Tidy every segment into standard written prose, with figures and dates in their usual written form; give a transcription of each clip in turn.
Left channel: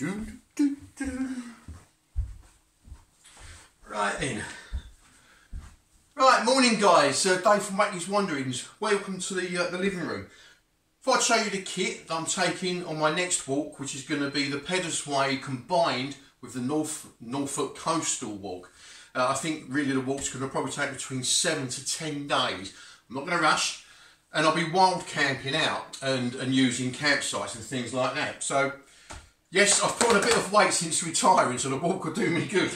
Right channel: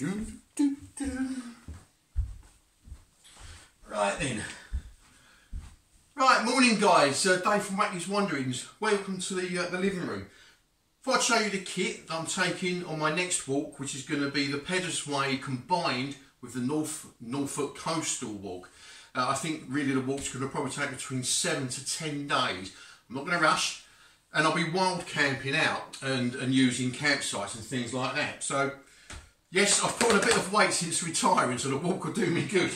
Right then. Right, morning guys. Dave from Wacky's Wanderings. Welcome to the living room. Thought I'd show you the kit that I'm taking on my next walk, which is going to be the Peddars Way combined with the Norfolk coastal walk. I think really the walk's going to probably take between 7 to 10 days. I'm not going to rush, and I'll be wild camping out and using campsites and things like that. So yes, I've put on a bit of weight since retiring, so the walk will do me good.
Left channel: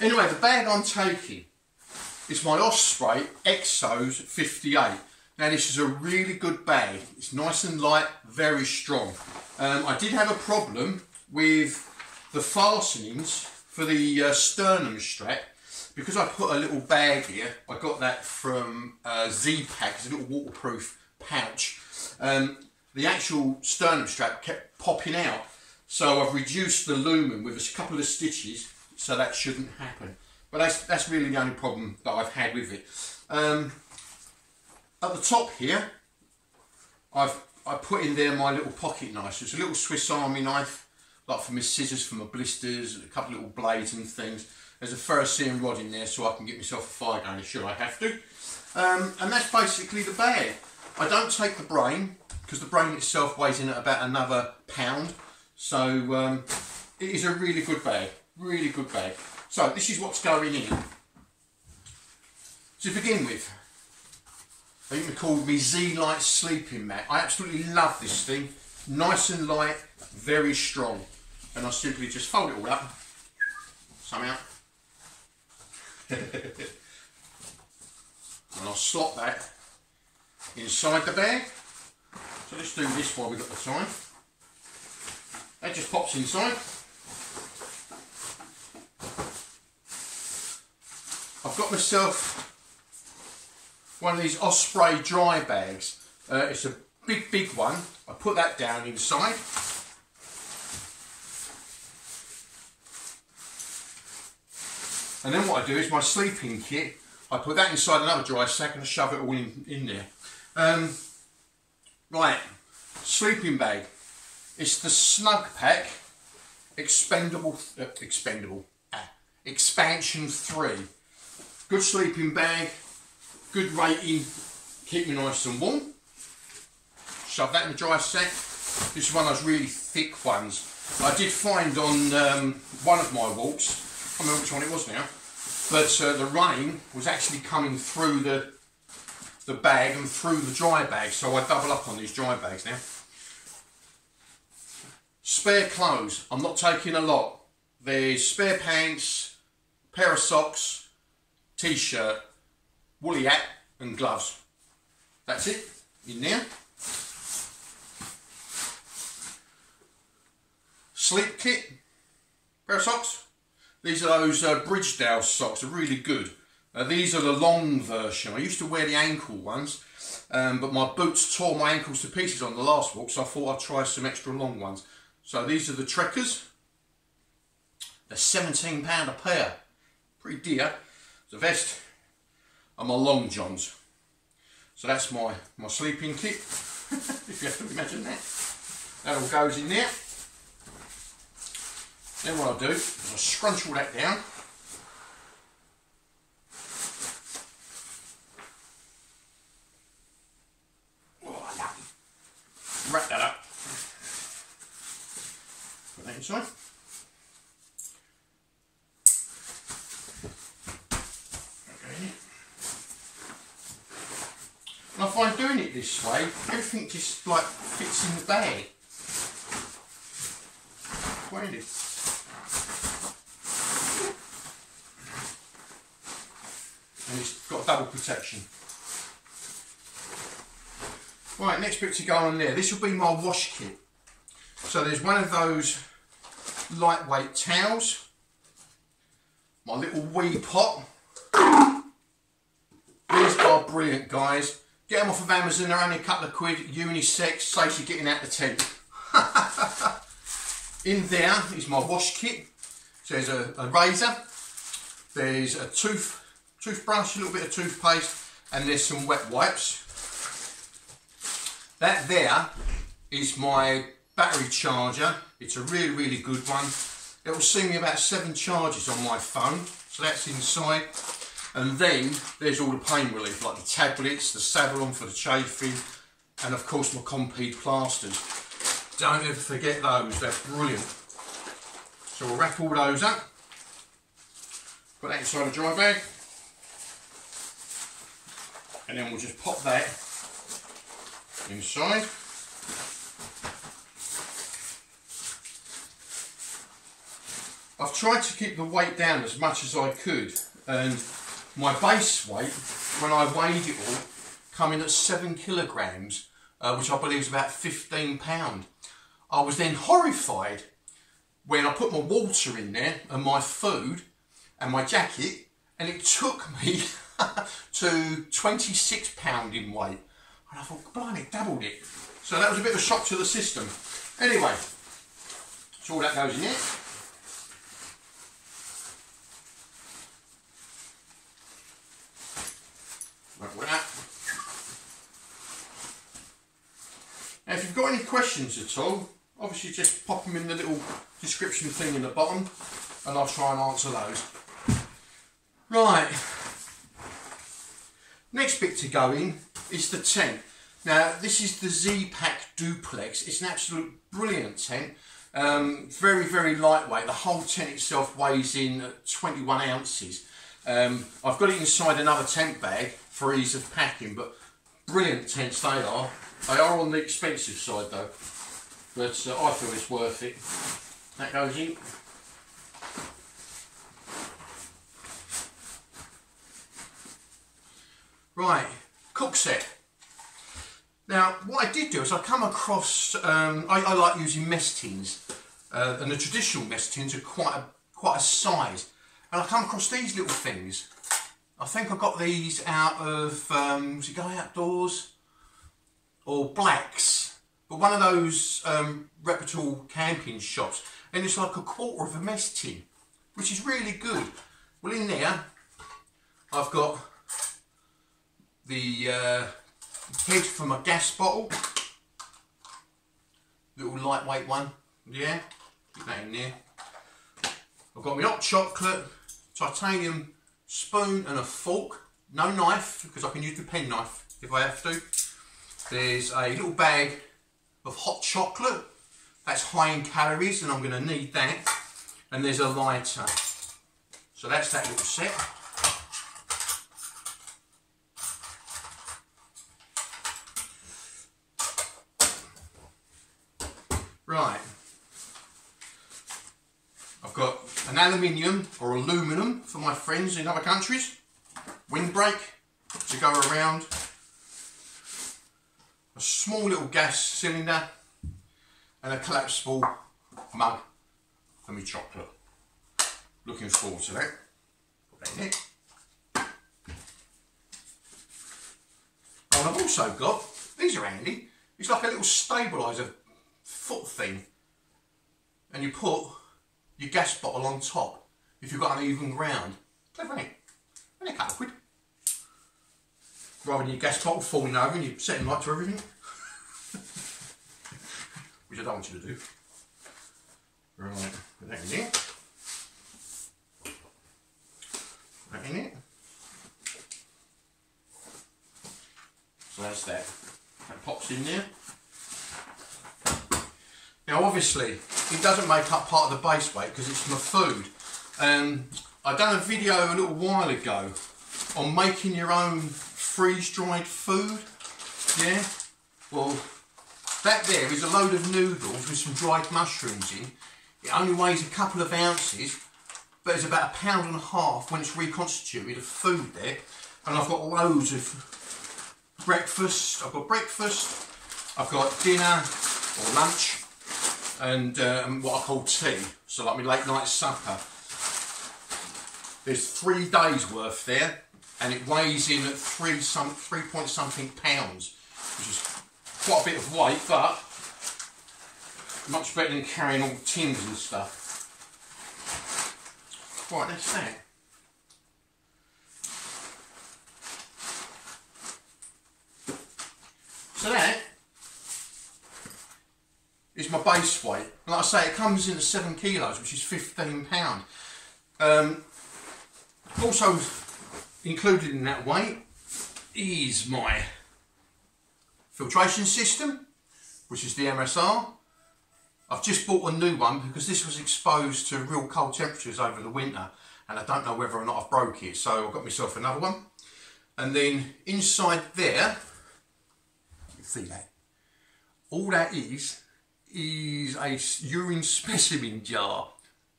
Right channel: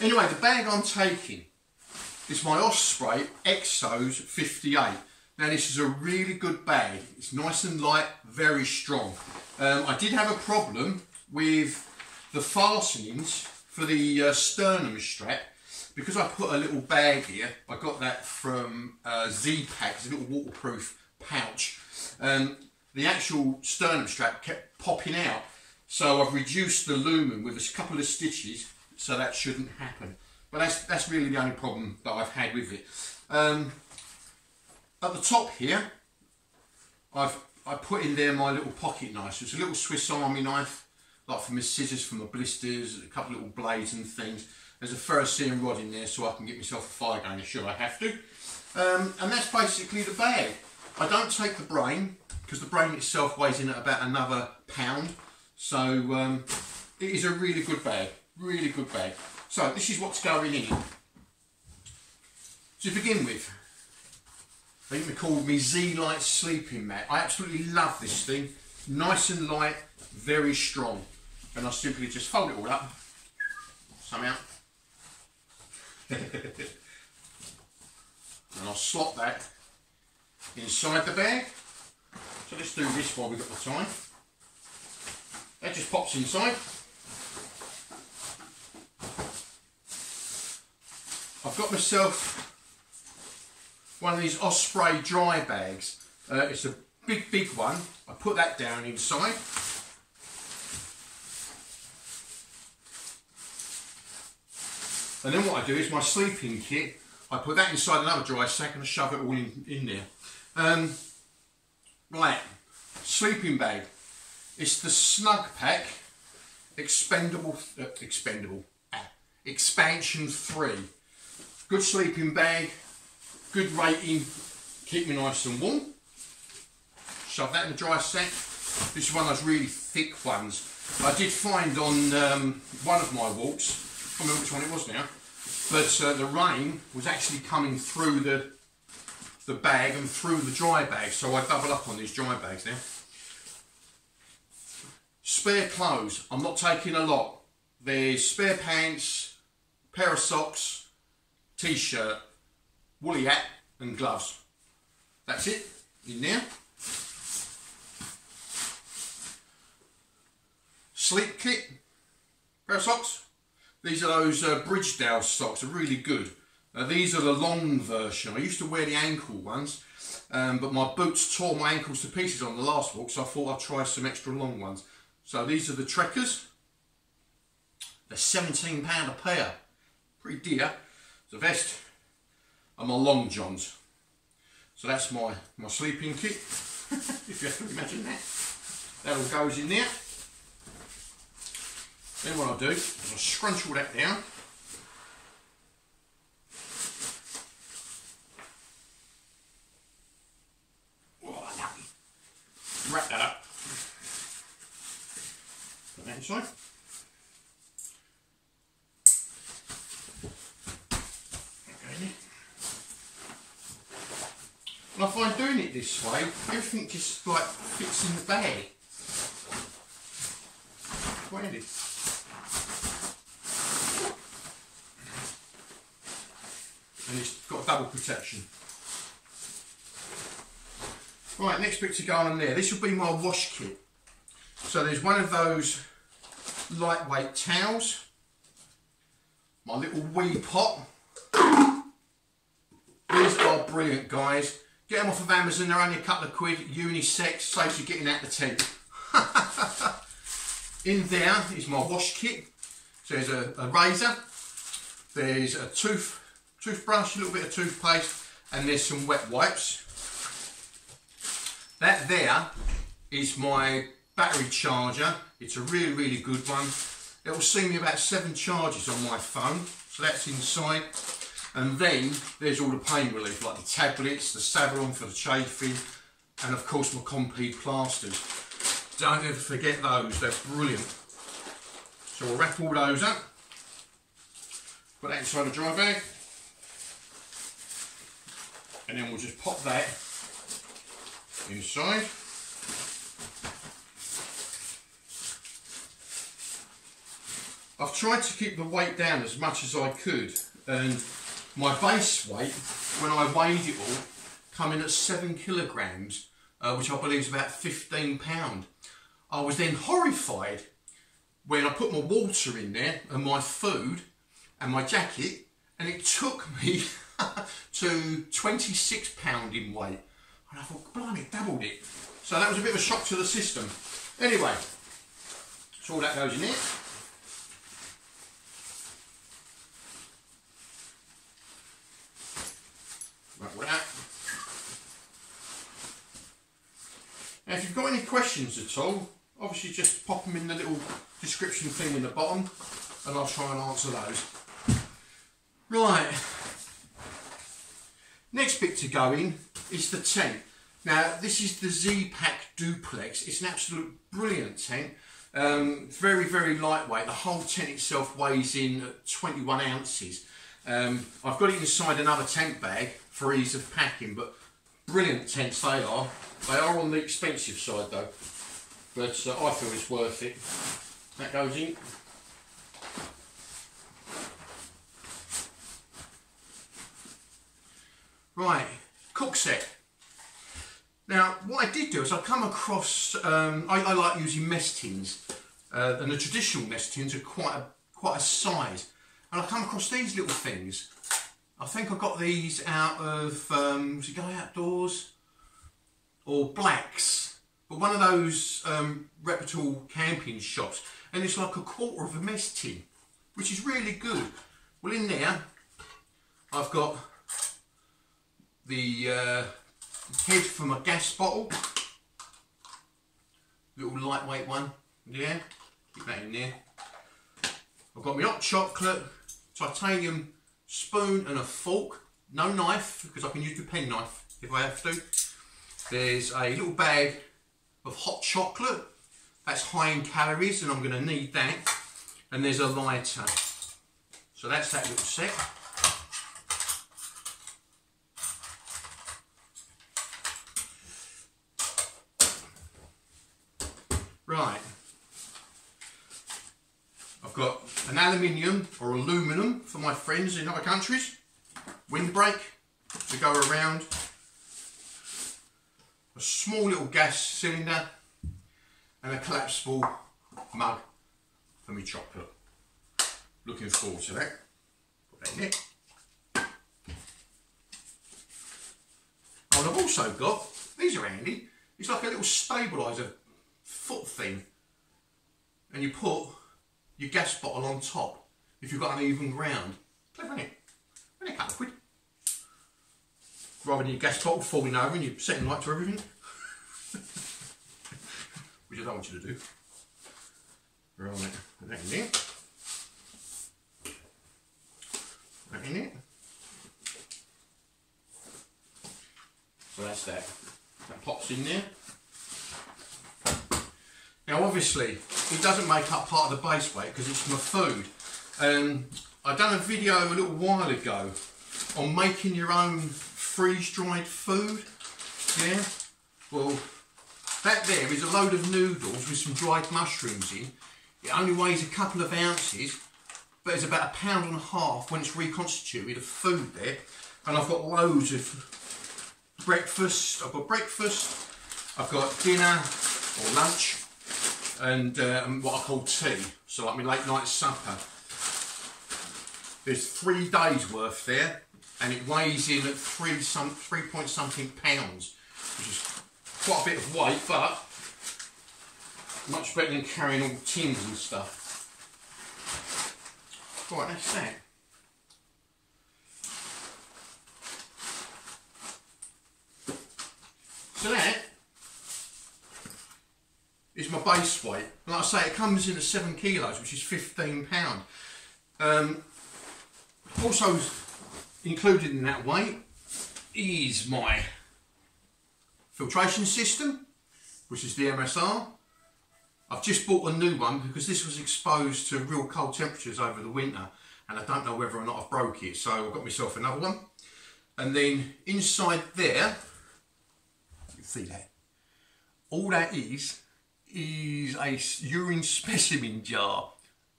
Anyway, the bag I'm taking is my Osprey Exos 58. Now this is a really good bag. It's nice and light, very strong. I did have a problem with the fastenings for the sternum strap, because I put a little bag here. I got that from Z-Pack. It's a little waterproof pouch. The actual sternum strap kept popping out, so I've reduced the lumen with a couple of stitches, so that shouldn't happen. But that's really the only problem that I've had with it. At the top here, I put in there my little pocket knife. So it's a little Swiss Army knife, like for my scissors, for my blisters, a couple of little blades and things. There's a ferrocerium rod in there so I can get myself a fire going should I have to. And that's basically the bag. I don't take the brain, because the brain itself weighs in at about another £1. So it is a really good bag, really good bag. So this is what's going in. To begin with, I think we called me Z-Light sleeping mat. I absolutely love this thing. Nice and light, very strong. And I simply just fold it all up somehow. And I'll slot that inside the bag. So let's do this while we've got the time. That just pops inside. I've got myself one of these Osprey dry bags. It's a big one. I put that down inside. And then what I do is my sleeping kit, I put that inside another dry sack and I shove it all in there. Right, sleeping bag. It's the Snug Pack Expansion 3. Good sleeping bag, good rating, keep me nice and warm. Shove that in the dry sack. This is one of those really thick ones. I did find on one of my walks, I can't remember which one it was now, but the rain was actually coming through the bag and through the dry bag, so I double up on these dry bags now. Spare clothes, I'm not taking a lot. There's spare pants, pair of socks, t-shirt, woolly hat and gloves. That's it, in there. Sleep kit, pair of socks. These are those Bridgedale socks, they're really good. These are the long version. I used to wear the ankle ones, but my boots tore my ankles to pieces on the last walk, so I thought I'd try some extra long ones. So these are the Trekkers. They're £17 a pair, pretty dear. The vest and my long johns. So that's my sleeping kit, if you have to imagine that. That all goes in there. Then what I'll do is I'll scrunch all that down. Oh, wrap that up. Put that inside. And I find doing it this way, everything just like fits in the bag. Quite handy. And it's got double protection. Right, next bit to go on there. This will be my wash kit. So there's one of those lightweight towels, my little wee pot. These are brilliant, guys. Get them off of Amazon, they're only a couple of quid, unisex, saves you getting out the tent. In there is my wash kit. So there's a razor, there's a toothbrush, a little bit of toothpaste, and there's some wet wipes. That there is my battery charger. It's a really, really good one. It will see me about 7 charges on my phone, so that's inside. And then there's all the pain relief, like the tablets, the Savalon for the chafing, and of course my Compeed plasters. Don't ever forget those, they're brilliant. So we'll wrap all those up, put that inside a dry bag, and then we'll just pop that inside. I've tried to keep the weight down as much as I could, and my base weight, when I weighed it all, come in at 7 kilograms, which I believe is about 15 £. I was then horrified when I put my water in there and my food and my jacket, and it took me to 26 £, in weight. And I thought, blimey, it doubled it. So that was a bit of a shock to the system. Anyway, so all that goes in there. Like that. Now if you've got any questions at all, obviously just pop them in the little description thing in the bottom and I'll try and answer those. Right, next bit to go in is the tent. Now this is the Z-Pack Duplex. It's an absolute brilliant tent. Very, very lightweight. The whole tent itself weighs in at 21 ounces. I've got it inside another tent bag for ease of packing, but brilliant tents they are. They are on the expensive side though, but I feel it's worth it. That goes in. Right, cook set. Now what I did do is I come across, I like using mess tins, and the traditional mess tins are quite a size, and I come across these little things. I think I got these out of, was it Guy Outdoors or Blacks, but one of those reputable camping shops, and it's like 1/4 of a mess tin, which is really good. Well, in there I've got the head for my gas bottle, little lightweight one, yeah, keep that in there. I've got my hot chocolate, titanium spoon and a fork, no knife because I can use the pen knife if I have to. There's a little bag of hot chocolate, that's high in calories and I'm going to need that, and there's a lighter. So that's that little set. Right, I've got an aluminium or aluminum for my friends in other countries, windbreak to go around, a small little gas cylinder and a collapsible mug for my chocolate. Looking forward to that. Put that in it. Oh, and I've also got, these are handy, it's like a little stabiliser foot thing, and you put your gas bottle on top if you've got uneven ground. Clever, isn't it? Only a couple of quid. Rather than your gas bottle falling over and you're setting light to everything. Which I don't want you to do. Right, put that in there. Put that in there. So that's that. That pops in there. Now obviously it doesn't make up part of the base weight because it's my food. I done a video a little while ago on making your own freeze-dried food. Yeah. Well, that there is a load of noodles with some dried mushrooms in. It only weighs a couple of ounces, but it's about £1.5 pounds when it's reconstituted of food there. And I've got loads of breakfast. I've got breakfast. I've got dinner or lunch. And what I call tea, so like my late night supper. There's 3 days worth there, and it weighs in at 3 point something pounds, which is quite a bit of weight, but much better than carrying all tins and stuff. Right, that's that. So that is my base weight. And like I say, it comes in at 7 kilos, which is £15. Also included in that weight is my filtration system, which is the MSR. I've just bought a new one because this was exposed to real cold temperatures over the winter, and I don't know whether or not I've broke it, so I've got myself another one. And then inside there, you see that, all that is a urine specimen jar.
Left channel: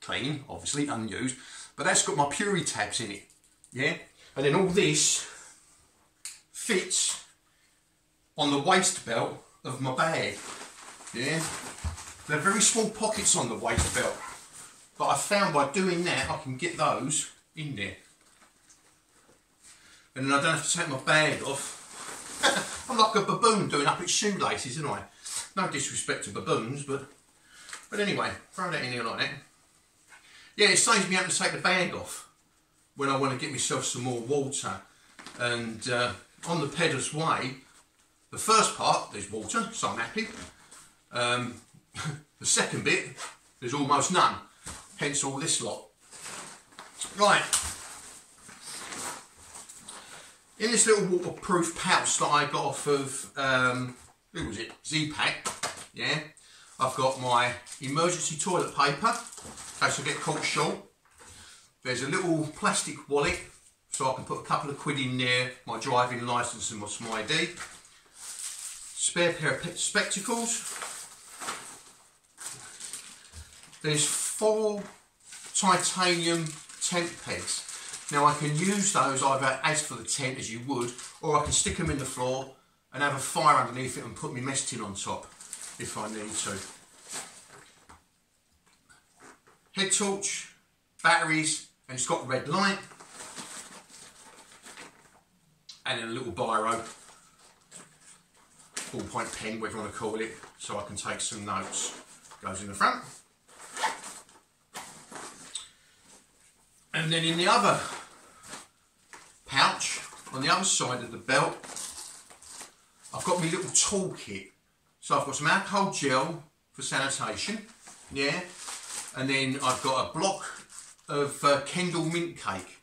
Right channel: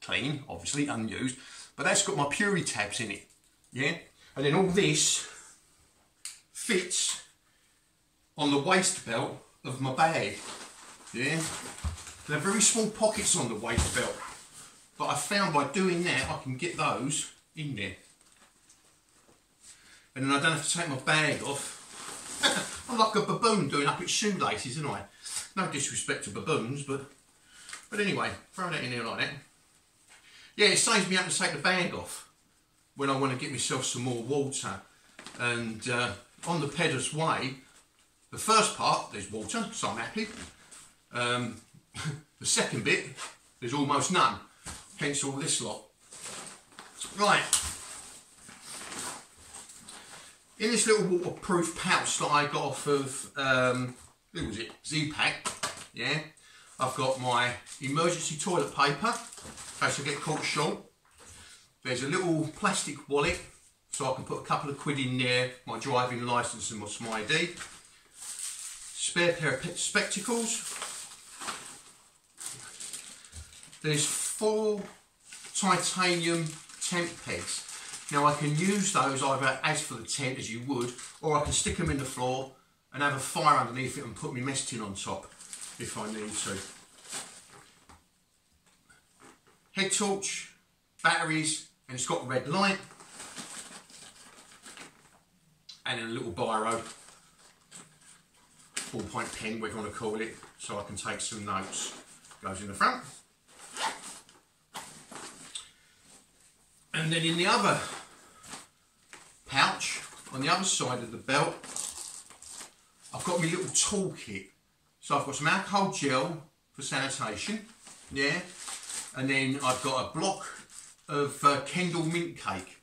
Clean, obviously, unused, but that's got my Puri tabs in it, yeah? And then all this fits on the waist belt of my bag, yeah? They're very small pockets on the waist belt, but I found by doing that I can get those in there. And then I don't have to take my bag off. I'm like a baboon doing up its shoelaces, isn't I? No disrespect to baboons, but anyway, throw that in there like that. Yeah, it saves me having to take the bag off when I want to get myself some more water. And on the Peddars way, the first part, there's water, so I'm happy. The second bit, there's almost none, hence all this lot. Right, in this little waterproof pouch that I got off of, who was it, Z-Pack, yeah, I've got my emergency toilet paper, in case I get caught short. There's a little plastic wallet, so I can put a couple of quid in there, my driving licence and my ID. Spare pair of spectacles. There's 4 titanium tent pegs. Now I can use those either as for the tent as you would, or I can stick them in the floor and have a fire underneath it and put my mess tin on top if I need to. Head torch, batteries, and it's got red light. And then a little biro, ballpoint pen, whatever you want to call it, so I can take some notes. Goes in the front. And then in the other pouch, on the other side of the belt, I've got my little toolkit. So I've got some alcohol gel for sanitation, yeah, and then I've got a block of Kendall mint cake.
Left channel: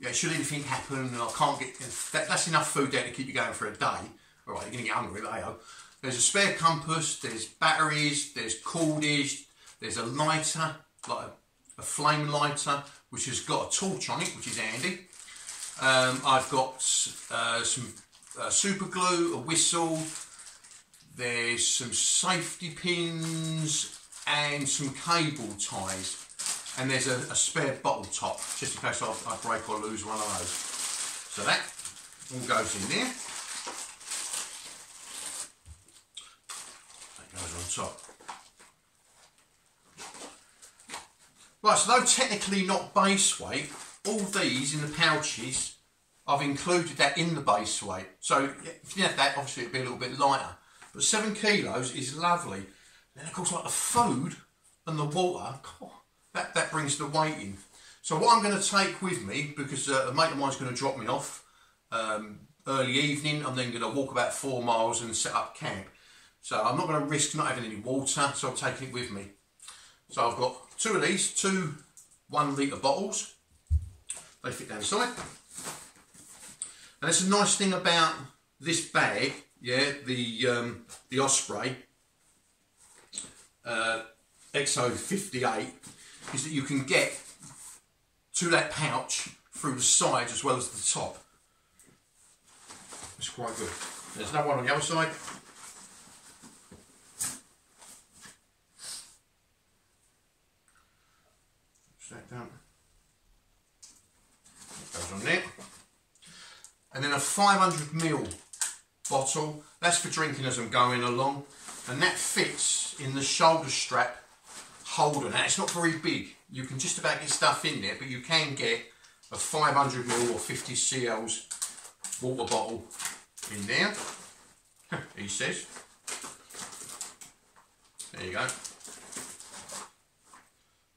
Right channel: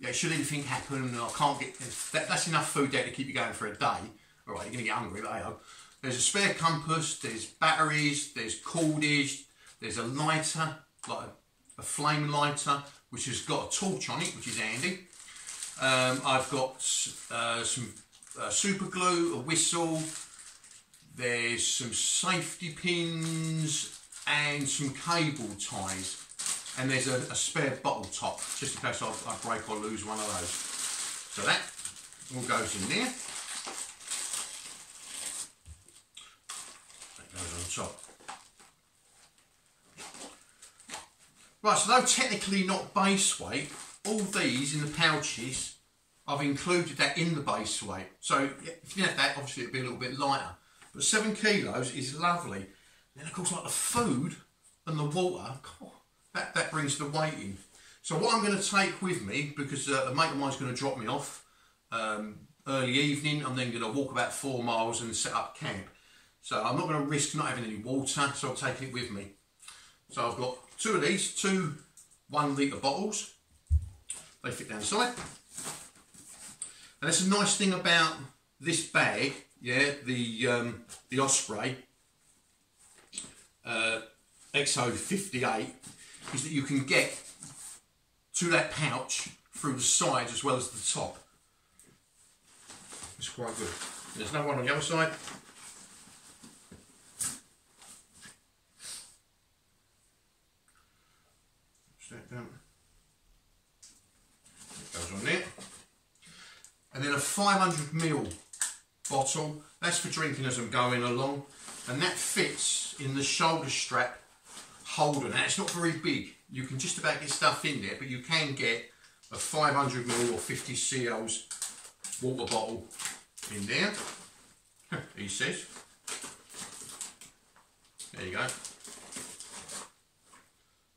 Yeah, should anything happen and I can't get, that's enough food there to keep you going for a day. All right, you're going to get hungry, but hey-ho. There's a spare compass, there's batteries, there's cordage, there's a lighter, like a flame lighter, which has got a torch on it, which is handy. I've got some super glue, a whistle, there's some safety pins and some cable ties. And there's a spare bottle top, just in case I break or lose one of those. So that all goes in there. That goes on top. Right, so though technically not base weight, all these in the pouches, I've included that in the base weight. So if you have that, obviously it'd be a little bit lighter. But 7 kilos is lovely. And then of course, like the food and the water, that brings the weight in. So what I'm going to take with me, because a mate of mine's going to drop me off early evening, I'm then going to walk about 4 miles and set up camp. So I'm not going to risk not having any water, so I'll take it with me. So I've got 2 of these, 2 1 litre bottles. They fit down the side. And that's a nice thing about this bag, yeah, the Osprey XO58, is that you can get to that pouch through the sides as well as the top. It's quite good. There's another one on the other side. That down. That goes on there. And then a 500ml bottle. That's for drinking as I'm going along. And that fits in the shoulder strap holder. Now it's not very big. You can just about get stuff in there, but you can get a 500ml or 50 cls water bottle in there. He says. There you go.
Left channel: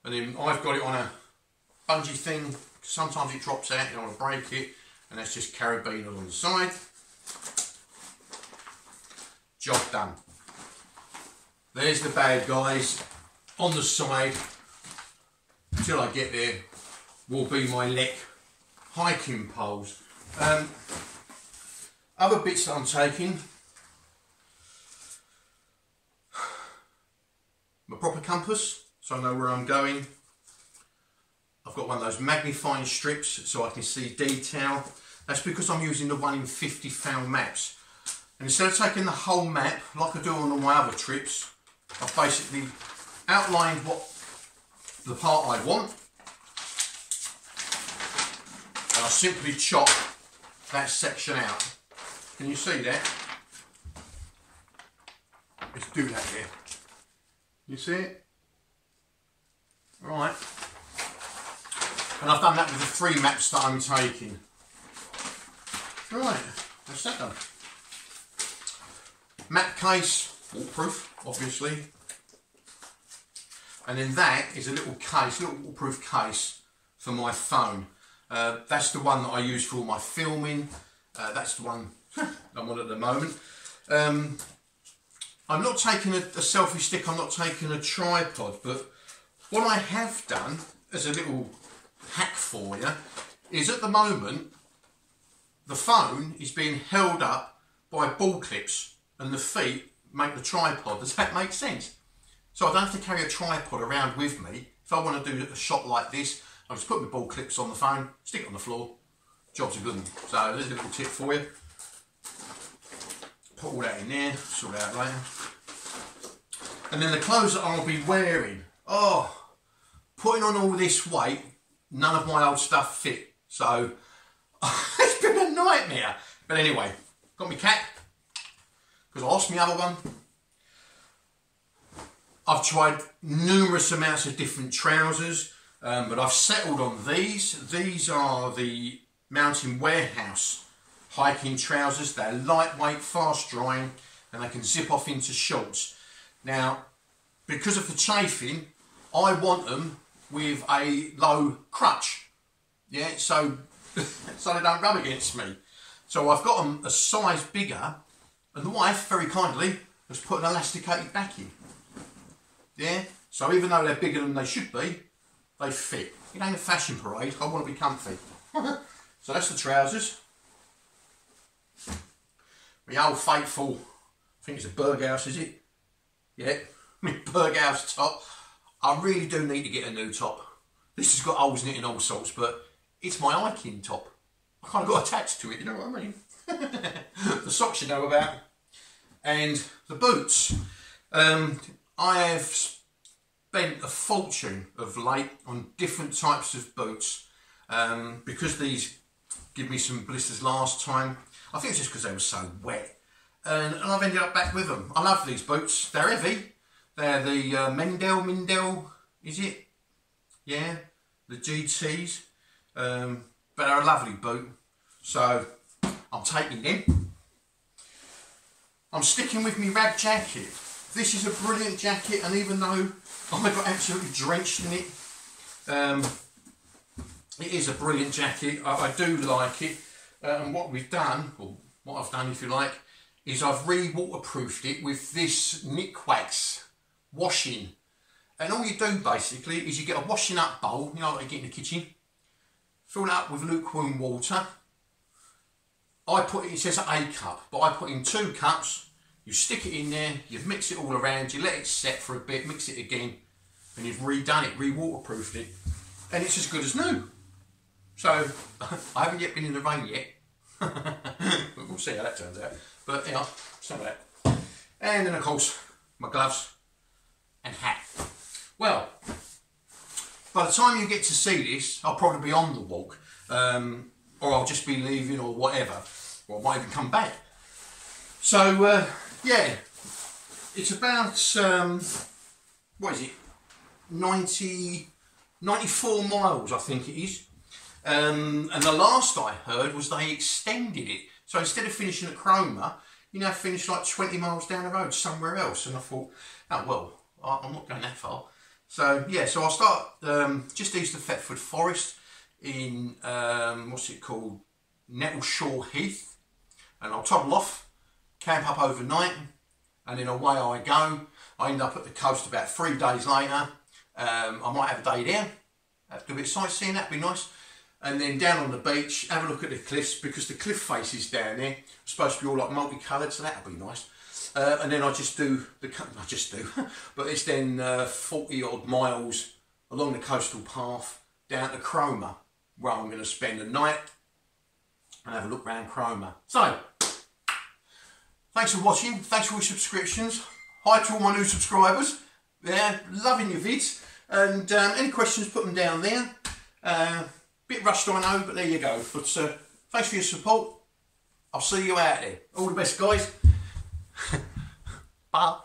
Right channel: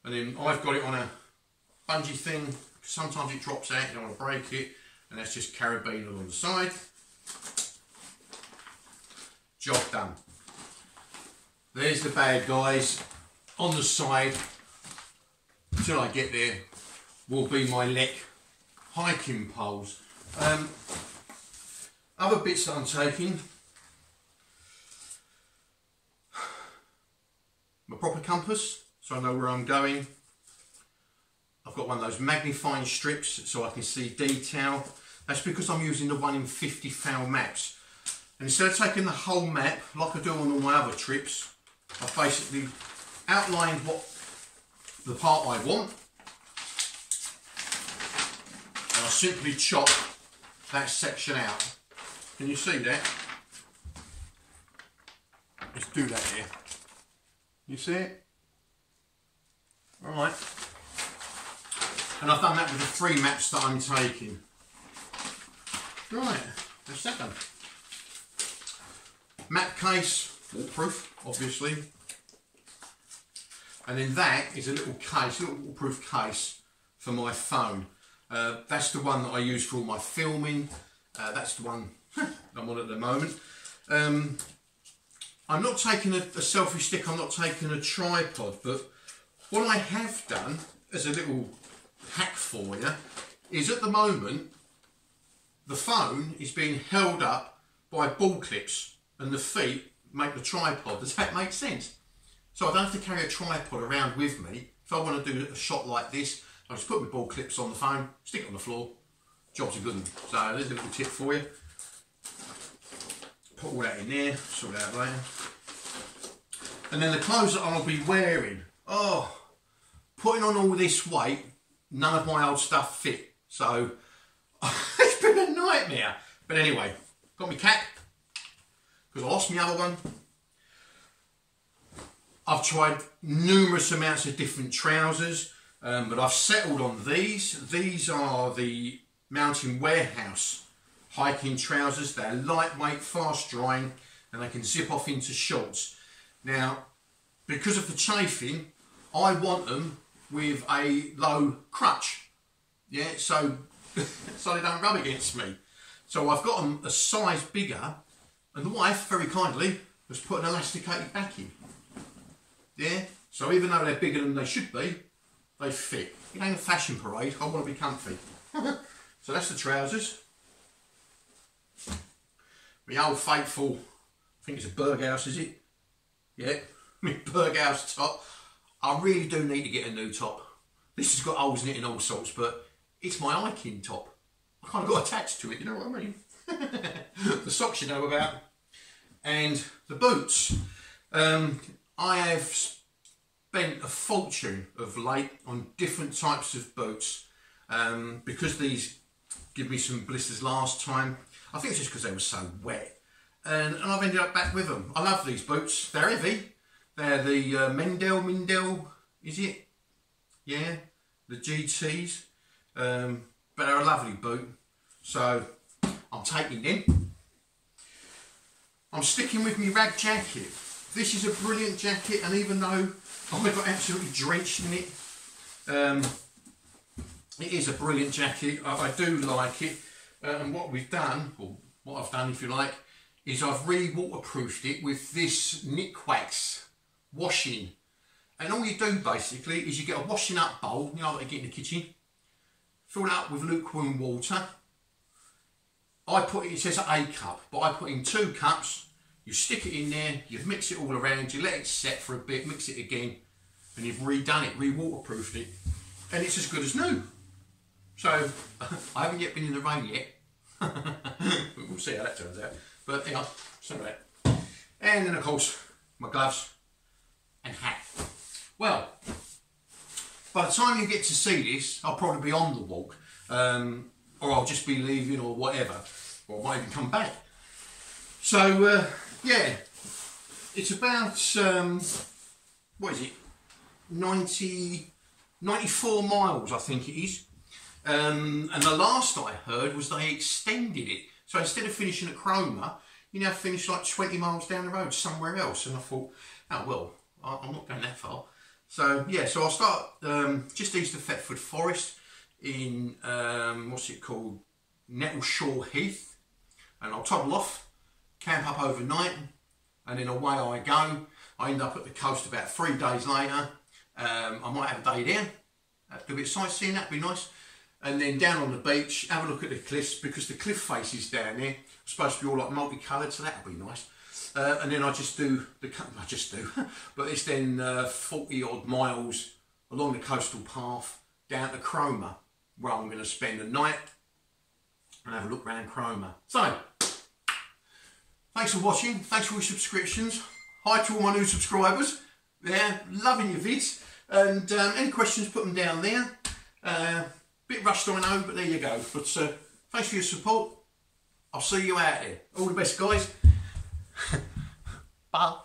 And then I've got it on a bungee thing. Sometimes it drops out, you don't want to break it, and that's just carabiner on the side. Job done. There's the bag, guys. On the side, till I get there, will be my Lek hiking poles. Other bits that I'm taking, my proper compass, so I know where I'm going. I've got one of those magnifying strips so I can see detail. That's because I'm using the 1 in 50 foul maps. And instead of taking the whole map, like I do on all my other trips, I've basically outlined what the part I want. And I simply chop that section out. Can you see that? Let's do that here. You see it? Alright. And I've done that with the 3 maps that I'm taking. Right, that's that done. Map case, waterproof, obviously. And then that is a little case, a little waterproof case for my phone. That's the one that I use for all my filming. That's the one I'm on at the moment. I'm not taking a selfie stick, I'm not taking a tripod, but what I have done as a little hack for you is at the moment the phone is being held up by ball clips and the feet make the tripod. Does that make sense? So I don't have to carry a tripod around with me. If I want to do a shot like this, I just put my ball clips on the phone, stick it on the floor, job's a good one. So there's a little tip for you. Put all that in there, sort it out later. And then the clothes that I'll be wearing. Oh, putting on all this weight, none of my old stuff fit. So it's been a nightmare. But anyway, got my cap, because I lost my other one. I've tried numerous amounts of different trousers, but I've settled on these. These are the Mountain Warehouse hiking trousers. They're lightweight, fast drying, and they can zip off into shorts. Now, because of the chafing, I want them with a low crutch, yeah, so so they don't rub against me. So I've got them a size bigger, and the wife very kindly has put an elasticated back in. Yeah, so even though they're bigger than they should be, they fit. It ain't a fashion parade, I want to be comfy. So that's the trousers. My old faithful, I think it's a Berghaus, is it? Yeah, my Berghaus top. I really do need to get a new top. This has got holes in it and all sorts, but it's my hiking top. I kind of got attached to it, you know what I mean? The socks you know about. And the boots. I have spent a fortune of late on different types of boots. Because these give me some blisters last time. I think it's just because they were so wet. And I've ended up back with them. I love these boots. They're heavy. They're the Mindel, is it? Yeah, the GTs. But they're a lovely boot. So I'm taking them. I'm sticking with my rag jacket. This is a brilliant jacket, and even though I got absolutely drenched in it, it is a brilliant jacket. I do like it. And what we've done, or what I've done if you like, is I've re-waterproofed it with this Nick Wax washing. And all you do basically is you get a washing up bowl, you know what you get in the kitchen, fill it up with lukewarm water. I put it says a cup, but I put in 2 cups. You stick it in there, you mix it all around, you let it set for a bit, mix it again, and you've redone it, re-waterproofed it, and it's as good as new. So I haven't yet been in the rain yet. We'll see how that turns out. But you know, some of that. And then of course my gloves and hat. Well, by the time you get to see this, I'll probably be on the walk, or I'll just be leaving or whatever, or I might even come back. So yeah, it's about what is it, 94 miles I think it is. And the last I heard was they extended it. So instead of finishing at Cromer, you now finish like 20 miles down the road somewhere else. And I thought, oh well, I'm not going that far. So yeah, so I'll start just east of Thetford Forest in, what's it called, Nettleshore Heath. And I'll toddle off, camp up overnight, and then away I go. I end up at the coast about 3 days later. I might have a day down, do a bit of sightseeing, that'd be nice. And then down on the beach, have a look at the cliffs, because the cliff faces down there are supposed to be all like multicoloured, so that'll be nice. And then I just do, but it's then 40 odd miles along the coastal path down to Cromer, where I'm going to spend the night and have a look around Cromer. So, thanks for watching, thanks for your subscriptions. Hi to all my new subscribers, they're loving your vids, and any questions, put them down there. Bit rushed, I know, but there you go. But thanks for your support. I'll see you out there. All the best, guys. Bye.